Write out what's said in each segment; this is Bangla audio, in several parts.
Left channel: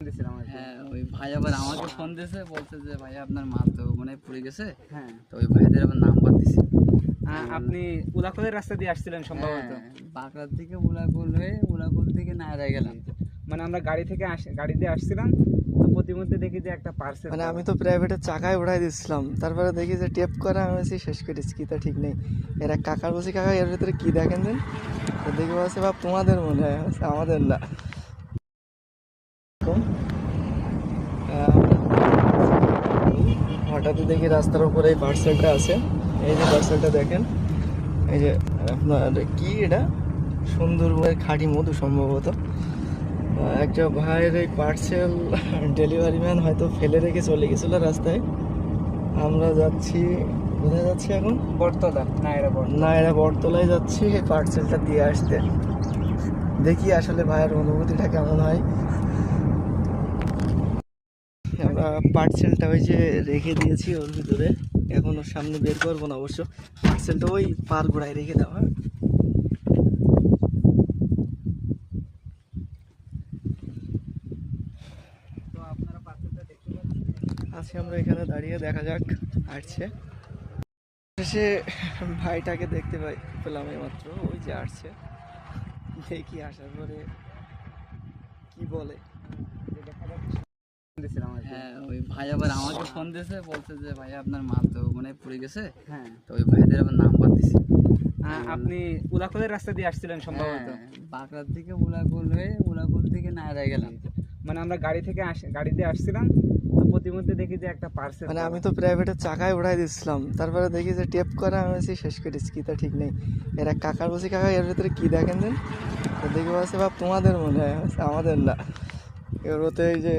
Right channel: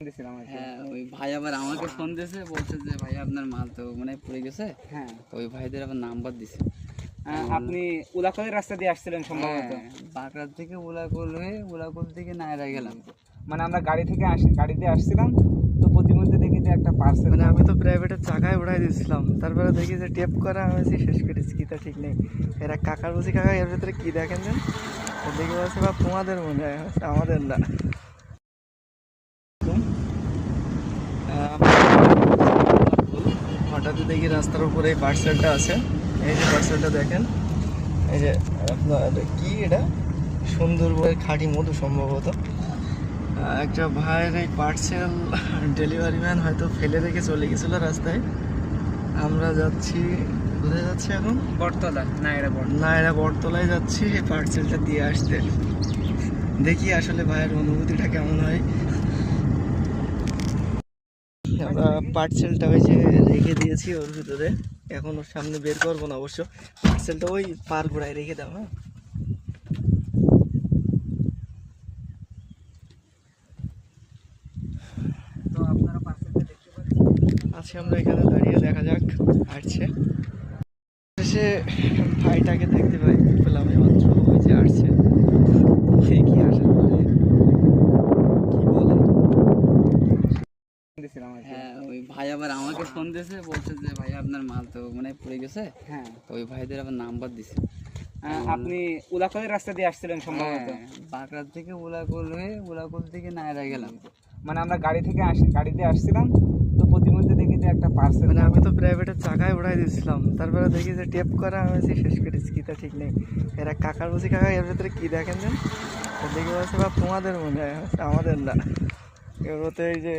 হ্যাঁ, ওই ভাই আবার আমাকে ফোন দিয়েছে, বলছে যে ভাই আপনার মাল তো মনে হয় পড়ে গেছে। হ্যাঁ, তো ওই ভাইদের আবার নাম্বার দিছে। আপনি উলাকলের রাস্তা দিয়ে আসছিলেন সম্ভবত। বাঁকড়ার থেকে উলাকুল হয়ে উলাকুল থেকে নায়রা গেলাম। মানে আমরা গাড়িতে আসছিলাম, তো প্রতিমধ্যে দেখি যে একটা পার্সেল। মানে আমি তো প্রাইভেটের চাকায় উঠাই দিচ্ছিলাম, তারপরে দেখি যে টেপ করা আমি শেষ করেছি, কি তা ঠিক নেই। এরা কাকার বসে কাকা এর ভিতরে কি দেখেন দেন, তো দেখে বলছে বা তোমাদের মনে হয়, আমাদের না। হঠাৎই দেখি রাস্তার উপরে এই পার্সেলটা আছে। এই যে পার্সেলটা দেখেন, এই যে আপনার কি এটা, সুন্দরবনের খাঁটি মধু সম্ভবত। একটা ভাইয়ের এই পার্সেল ডেলিভারি ম্যান হয়তো ফেলে রেখে চলে গেছিলো রাস্তায়। আমরা যাচ্ছি, কোথায় যাচ্ছি এখন? বটতলা, নায়রা বটতলায় যাচ্ছি এই পার্সেলটা দিয়ে আসতে। দেখি আসলে ভাইয়ের অনুভূতিটা কেমন হয়। আমরা পার্সেলটা ওই যে রেখে দিয়েছি ওর ভিতরে, এখন ওর সামনে বের করবো না অবশ্য। পার্সেলটা ওই পার গোড়ায় রেখে দাও। হ্যাঁ, তো আপনারা পার্সেলটা দেখতে পাচ্ছেন। আছি আমরা এখানে দাঁড়িয়ে, দেখা যাক আসছে। সে ভাইটাকে দেখতে পেলাম মাত্র, ওই যে আসছে। দেখি আসার পরে কি বলে। হ্যাঁ, ওই ভাই আবার আমাকে ফোন দিয়েছে, বলছে যে ভাই আপনার মাল তো মনে হয় পড়ে গেছে। হ্যাঁ, তো ওই ভাইদের আবার নাম্বার দিছে। আপনি উলাকলের রাস্তা দিয়ে আসছিলেন সম্ভবত। বাঁকড়ার থেকে উলাকুল হয়ে উলাকুল থেকে নায়রা গেলাম। মানে আমরা গাড়িতে আসছিলাম, তো প্রতিমধ্যে দেখি যে একটা পার্সেল। মানে আমি তো প্রাইভেটের চাকায় উঠাই দিচ্ছিলাম, তারপরে দেখি যে টেপ করা আমি শেষ করেছি, কি তা ঠিক নেই। এরা কাকার বসে কাকা এর ভিতরে কি দেখেন দেন, তো দেখে বলছে বা তোমাদের মনে হয়, আমাদের না। এবার তো এই যে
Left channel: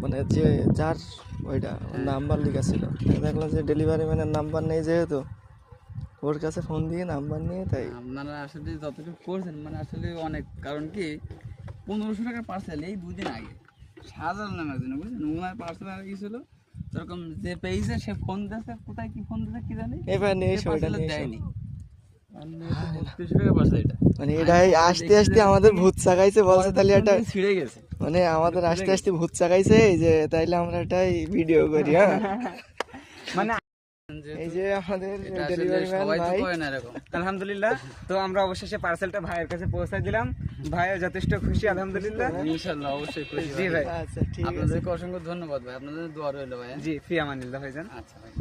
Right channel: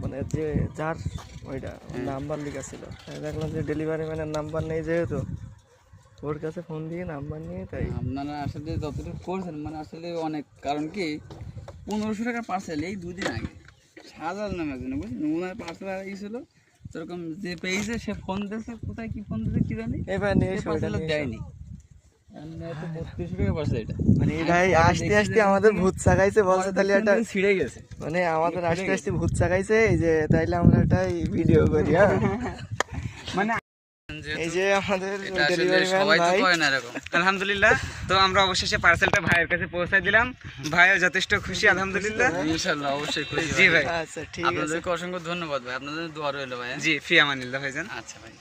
মানে যে যার ওইটা নাম্বার লেখা ছিল, দেখলাম যে ডেলিভারি ম্যানের নাম্বার নেই, যেহেতু ওর কাছে ফোন দিয়ে নাম্বার নিয়ে, তাই আপনারা আসলে যতটুকু করছেন মানে আসলে অনেক, কারণ কি 1500 টাকার পার্সেল এই দুদিন আগে শাহজালাল নামের জন্য, বুঝলেন, ওনার পার্সেল গিয়েছিল। সেরকম যে পেয়েছে সে ফোন দিয়েছে, কোথায় কি ফোন দিয়েছে কি জানি, এবার নিয়ে এসো, ওইটা পার্সেল নিয়ে এসো। দেয়নি। 3200 টাকা পার্সেল এটা, মানে এটাই আসতে আসতে আমাদের ভূত চাকাইছে বলছে, তাহলে এটা ছিঁড়ে গেছে। মানে আমাদের আসতে আসতে ভূত চাকাইছে, এই যে তাইলে আমরা এটাই ভিডিও করি। হ্যাঁ, মানে এই যে আমাদের এটা আসলে ডেলিভারি ম্যান সবাই তো ভাই। করে না এরকম। আলহামদুলিল্লাহ, তো আমরা অবশেষে পার্সেলটা ভাইয়ের কাছে পৌঁছায় দিলাম। ভাইও যথেষ্ট খুশি আলহামদুলিল্লাহ। ইনশাআল্লাহ অবশ্যই খুশি জি ভাই। আচ্ছা ঠিক আছে, আপনাদেরকে অসংখ্য ধন্যবাদ ভাই, আপনাদের দোয়া রইলো ভাই। জি, ফি আমানিল্লাহ ভাইজান। আচ্ছা ভাই।